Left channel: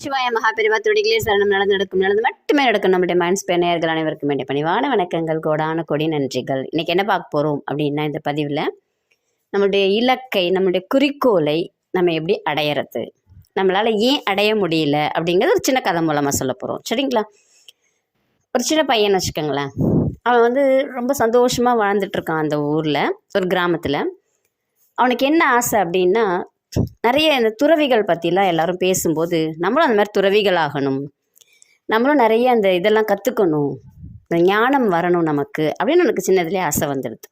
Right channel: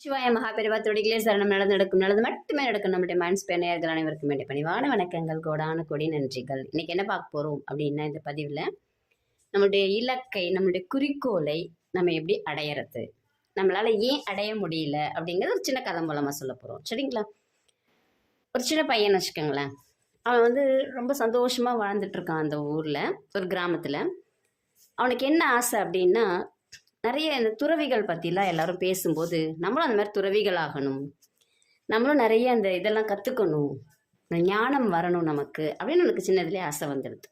சிவாய மகாபெரிவா துடிகளே சரணம் நடக்கும் நல்லது மட்டுமே நடக்கும். நம்முடைய மைண்ட் ஸ்பேனர்கள் அனைவருக்கும் வேண்டிய பணிவான வணக்கங்கள், கோடான கொடி நன்றிகள். இன்னைக்கு என்ன பார்க்க போகிறோம் அப்படின்னா, இந்த பதிவில் நம்மளுடைய இலக்கை, நம்மளுடைய குறிக்கோளை நம்ம எப்படி அடையிறது, நம்மளால் ஏன் அடைய முடியல அப்படிங்கிறது ஒரு சின்ன கதை மூலமாக சொல்ல போகிறோம். சரிங்களா? ஒரு சின்ன பையன் வச்சுக்கோங்களேன். அவன் ரொம்ப சந்தோஷமாக வாழ்ந்துட்டுருக்கான் அந்த ஊரில், ஒரு கிராமத்தில். அவனுக்கு என்ன ஆசை அப்படின்னா, நிறைய இந்த துறவிகள் பற்றிலாம் எல்லாரும் பேசும்போது, நம்மளும் அந்த மாதிரி துறவிகள் ஆகணும், நம்மளும் நிறைய அந்த இதெல்லாம் கற்றுக்கணும், இந்த ஞானம் வரணும் நமக்கு அப்படின்னு எனக்கு சின்னதுலேயே ஆசை வந்துடுது.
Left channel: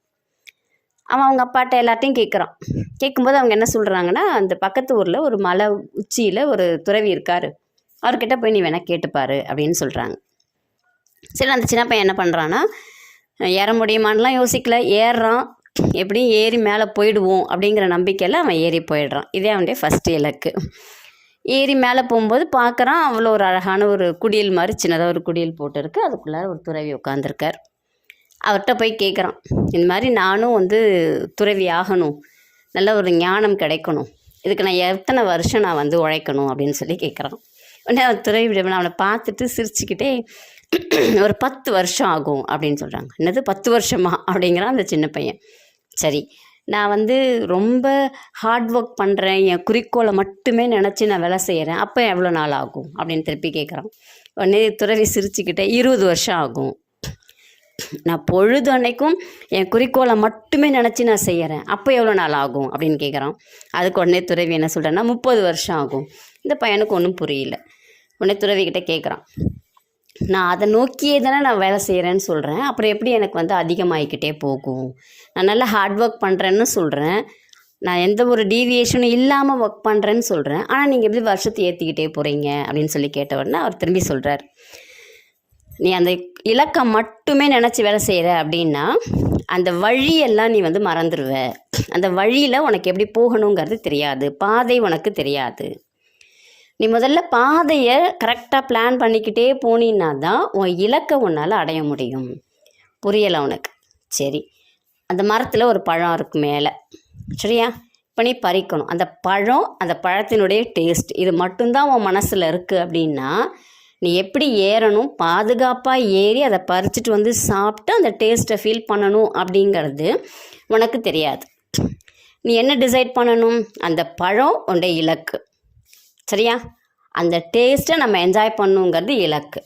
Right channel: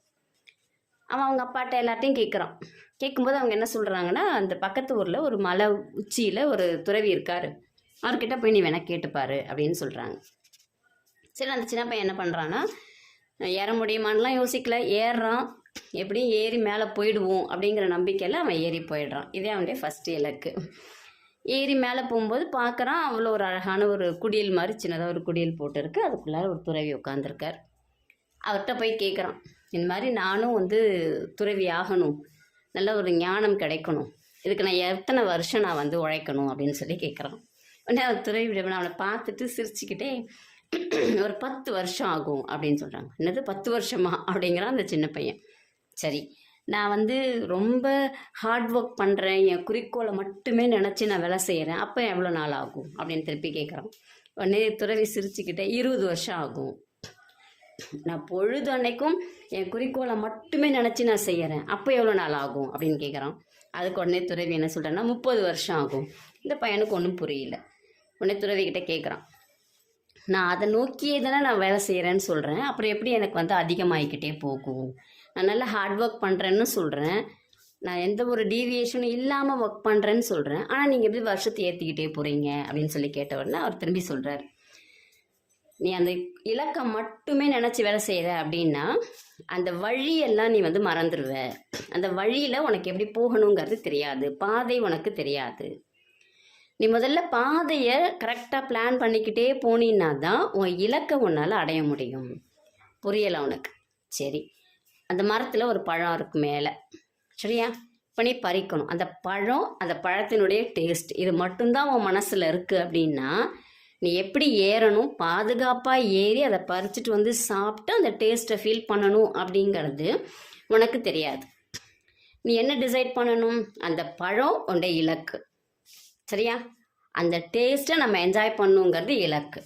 அவன் அவங்க அப்பாட்ட எல்லாத்தையும் கேட்குறான். கேட்கும்போது அவங்க என்ன சொல்கிறாங்கன்னா, அந்த பக்கத்து ஊரில் ஒரு மலை உச்சியில் ஒரு துறவி இருக்கார், அவர்கிட்ட போய் நீ வேணால் கேட்டுப்பாரு அப்படின்னு சொல்கிறாங்க. சரி, அந்த சின்ன பையன் என்ன பண்ணுறான்னா, ஏற முடியுமான்லாம் யோசிக்கல, ஏறுறான். எப்படியும் ஏறி மேலே போயிடுவோம் அப்படிங்கிற நம்பிக்கையில் அவன் ஏறி போயிடுறான். இதே அவனுடைய ஃபஸ்ட்டு இலக்கு. ஏறி மேலே போகும்போது பார்க்குறான், அவ்வளோ ஒரு அழகான ஒரு குடில் மாதிரி சின்னதாக ஒரு குடில் போட்டுருக்கு. அதுக்குள்ளே ஒரு துறவி உட்காந்துருக்கார். அவர்கிட்ட போய் கேட்குறான், இந்த மாதிரி நானும் துறவி ஆகணும், நல்ல ஒரு ஞானம் கிடைக்கணும், இதுக்கு நான் எத்தனை வருஷம் நான் உழைக்கணும் அப்படின்னு சொல்லி கேட்குறான். உடனே அவன் துறவி அவனை பார்த்துட்டு சிரிச்சுக்கிட்டே, ஒரு 10 வருஷம் ஆகும் அப்படின்னு சொல்கிறாங்க. என்னது 10 வருஷமா அப்படிங்கிறான் அந்த சின்ன பையன். சரி, நான் ரொம்ப ஹார்ட் ஒர்க் பண்ணுறேன், என் குறிக்கோளை மட்டுமே நினச்சி நான் வேலை செய்கிறேன், அப்போ எவ்வளோ நாள் ஆகும் அப்படின்னு திருப்பி கேட்குறான். உடனே துறவி சிரிச்சுக்கிட்டே, 20 வருஷம் ஆகும். நான் பொழுது அன்னைக்கும் என் குறிக்கோளை மட்டுமே நினச்சி நான் செய்கிறேன், அப்போ எவ்வளோ நாள் ஆகும் அப்படின்னு கேட்குறான். அதுக்கு உடனே துறவி என்ன சொல்கிறேன்னா, 30 வருஷம் ஆகும். இந்த பையனுக்கு ஒன்றும் புரியல. உடனே துறவிக்கிட்ட கேட்குறான், நான் அதை நோக்கியே தானே நான் வேலை செய்கிறேன்னு சொல்கிறேன், அப்புறம் எப்படி எனக்கு அதிகமாகிக்கிட்டே போகும்? நான் நல்லா ஹார்ட் ஒர்க் பண்ணுறேன்னு சொல்கிறேன், நான் எந்த ஒரு டீவியேஷனும் இல்லாமல் ஒர்க் பண்ணுறேன்னு சொல்கிறேன், ஆனால் நீங்கள் எப்படி வருஷத்தை ஏற்றிக்கிட்டே போகிறீங்க அப்படின்னு சொல்லி கேட்ட உடனே அவர் திரும்பி சொல்கிறார், நீ அந்த இலக்கை மட்டுமே நினச்சி வேலை செய்கிற அப்படின்னா அந்த வழியெல்லாம் நீ மறந்துடுவ. அந்த வழியில் உனக்கு எப்படி போகணுங்கிறது தெரியாது, பாதை உனக்கு தெரியாது. நீ முதல்ல பாதையை கரெக்டாக பிளான் பண்ணிக்கிட்டே போனீன்னா தான் உன் இலக்கை உன்னால் அடைய முடியும். புரியலை உனக்கு? சரி, அந்த மரத்தில் ஒரு பழம் இருக்குது மேலே, சரியா? இப்போ நீ பறிக்கணும். அந்த பழம், அந்த பழத்தினுடைய டேஸ்ட், இது மட்டும்தான் உன் மனசில் இருக்குது அப்படின்னா நீ எப்படி ஏறணும், பாதுகாப்பாக ஏறி அதை பறிச்சுட்டு சாப்பிட்டு அந்த டேஸ்ட்டை ஃபீல் பண்ணணும் அப்படிங்கிறது உனக்கு தெரியாது. நீ என்ன டிசைட் பண்ணணும்? அந்த பழம் உன்னுடைய இலக்கு, சரியா? அந்த டேஸ்ட்டை நம்ம என்ஜாய் பண்ணுங்கிறது இலக்கு.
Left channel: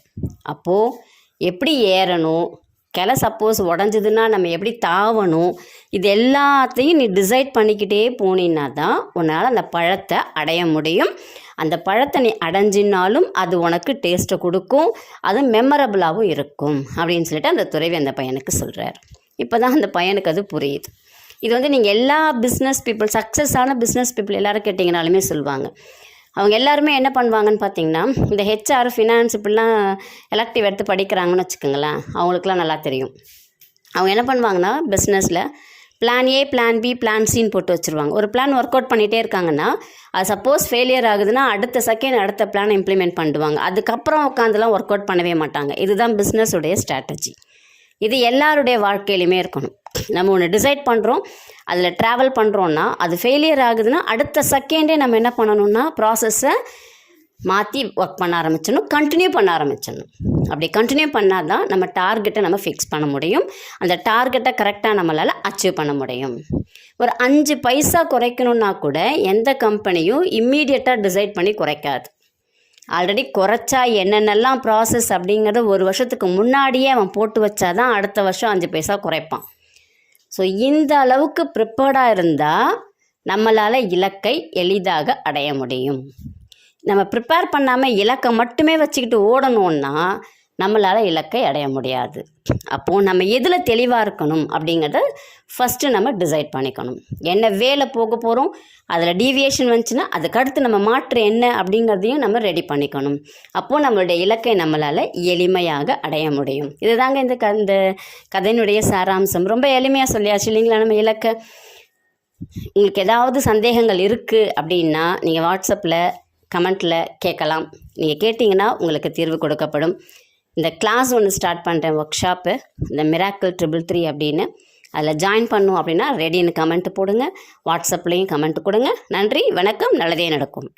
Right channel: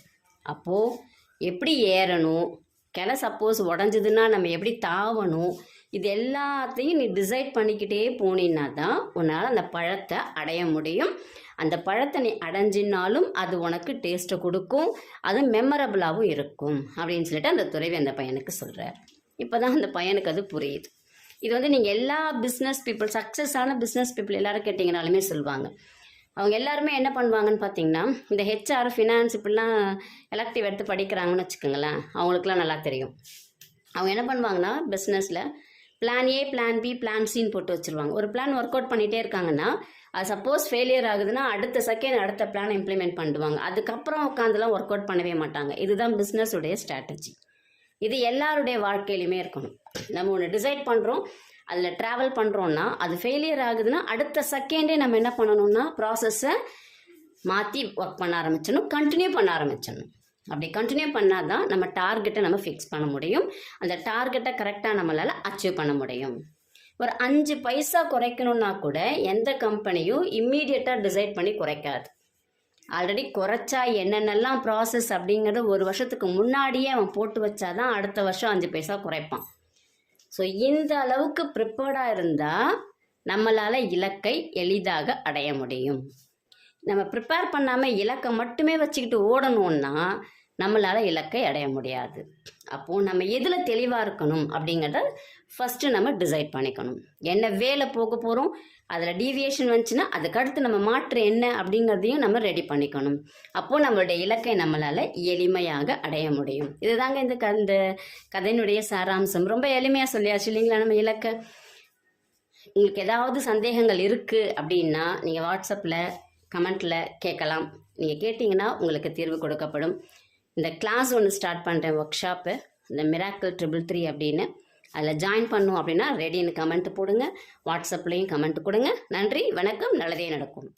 அப்போது எப்படி ஏறணும், கிளை சப்போஸ் உடஞ்சதுன்னா நம்ம எப்படி தாவணும், இது எல்லாத்தையும் நீ டிசைட் பண்ணிக்கிட்டே போனீன்னா தான் உன்னால் அந்த பழத்தை அடைய முடியும். அந்த பழத்தை நீ அடைஞ்சினாலும் அது உனக்கு டேஸ்ட்டை கொடுக்கும், அது மெமரபுளாகவும் இருக்கும் அப்படின்னு சொல்லிட்டு அந்த துறவி அந்த பையனுக்கு சொல்கிறார். இப்போ தான் அந்த பையனுக்கு அது புரியுது. இது நீங்கள் எல்லா பிஸ்னஸ் பீப்புள், சக்ஸஸான பிஸ்னஸ் பீப்புள் எல்லோரும் கேட்டிங்கனாலுமே சொல்லுவாங்க. அவங்க எல்லாருமே என்ன பண்ணுவாங்கன்னு பார்த்தீங்கன்னா, இந்த ஹெச்ஆர், ஃபினான்ஸ் இப்படிலாம் எலக்டிவ் எடுத்து படிக்கிறாங்கன்னு வச்சுக்கோங்களேன், அவங்களுக்குலாம் நல்லா தெரியும். அவங்க என்ன பண்ணுவாங்கன்னா, பிஸ்னஸில் plan A, plan B, plan சின்னு போட்டு வச்சுருவாங்க. ஒரு பிளான் ஒர்க் அவுட் பண்ணிகிட்டே இருக்காங்கன்னா, அது சப்போஸ் ஃபெயிலியர் ஆகுதுன்னா அடுத்த செகண்ட் அடுத்த பிளான் இம்ப்ளிமெண்ட் பண்ணுவாங்க. அதுக்கப்புறம் உட்காந்துலாம் ஒர்க் அவுட் பண்ணவே மாட்டாங்க. இதுதான் பிஸ்னஸுடைய ஸ்ட்ராட்டஜி. இது எல்லாருடைய வாழ்க்கையிலுமே இருக்கணும். நம்ம ஒன்று டிசைட் பண்ணுறோம், அதில் ட்ராவல் பண்ணுறோன்னா அது ஃபெயிலியர் ஆகுதுன்னா அடுத்த செகண்டே நம்ம என்ன பண்ணணும்னா ப்ராசஸை மாற்றி ஒர்க் பண்ண ஆரம்பிச்சிடணும், கண்டினியூ பண்ண ஆரம்பிச்சிடணும். அப்படி கண்டினியூ பண்ணால் தான் நம்ம டார்கெட்டை நம்ம ஃபிக்ஸ் பண்ண முடியும், அந்த டார்கெட்டை கரெக்டாக நம்மளால் அச்சீவ் பண்ண முடியும். ஒரு 5 பைசா குறைக்கணுன்னா கூட எந்த கம்பெனியும் இம்மீடியட்டாக டிசைட் பண்ணி குறைக்காது. ஆல்ரெடி குறைச்சா என்னென்னலாம் ப்ராசஸ் அப்படிங்கிறத ஒரு வருஷத்துக்கு முன்னாடியே அவன் போட்டு வச்சா தான் அடுத்த வருஷம் 5 பைசா குறைப்பான். ஸோ இந்த அளவுக்கு ப்ரிப்பேர்டாக இருந்தால் நம்மளால் இலக்கை எளிதாக அடைய முடியும். நம்ம ப்ரிப்பேர் பண்ணாமல் இலக்கை மட்டுமே வச்சுக்கிட்டு ஓடணுன்னா நம்மளால் இலக்கை அடைய முடியாது. அப்போது நம்ம எதில் தெளிவாக இருக்கணும் அப்படிங்கிறத ஃபஸ்ட்டு நம்ம டிசைட் பண்ணிக்கணும். என்ன வேலை போக போகிறோம், அதில் டீவியேஷன் வந்துச்சுன்னா அதுக்கடுத்து நம்ம மாற்று என்ன அப்படிங்கிறதையும் நம்ம ரெடி பண்ணிக்கணும். அப்போது நம்மளுடைய இலக்கை நம்மளால் எளிமையாக அடைய முடியும். இதுதாங்க இந்த கதையினுடைய சாராம்சம். ரொம்ப எளிமையாக சொல்லியாச்சு இல்லைங்களா நம்ம இலக்கை. உங்களுக்கு ஏதாவது சந்தேகங்கள் இருக்குது அப்படின்னா நீங்கள் வாட்ஸ்அப்பில் கமெண்ட்டில் கேட்கலாம். நீங்கள் கேட்டிங்கன்னா உங்களுக்கு தீர்வு கொடுக்கப்படும். இந்த கிளாஸ் ஒன்று ஸ்டார்ட் பண்ணுறேன், ஒர்க் ஷாப்பு, இந்த மிராக்கிள் 333 அப்படின்னு. அதில் ஜாயின் பண்ணும் அப்படின்னா ரெடின்னு கமெண்ட் போடுங்க, வாட்ஸ்அப்லேயும் கமெண்ட் கொடுங்க. நன்றி, வணக்கம், நல்லதே நடக்கும்.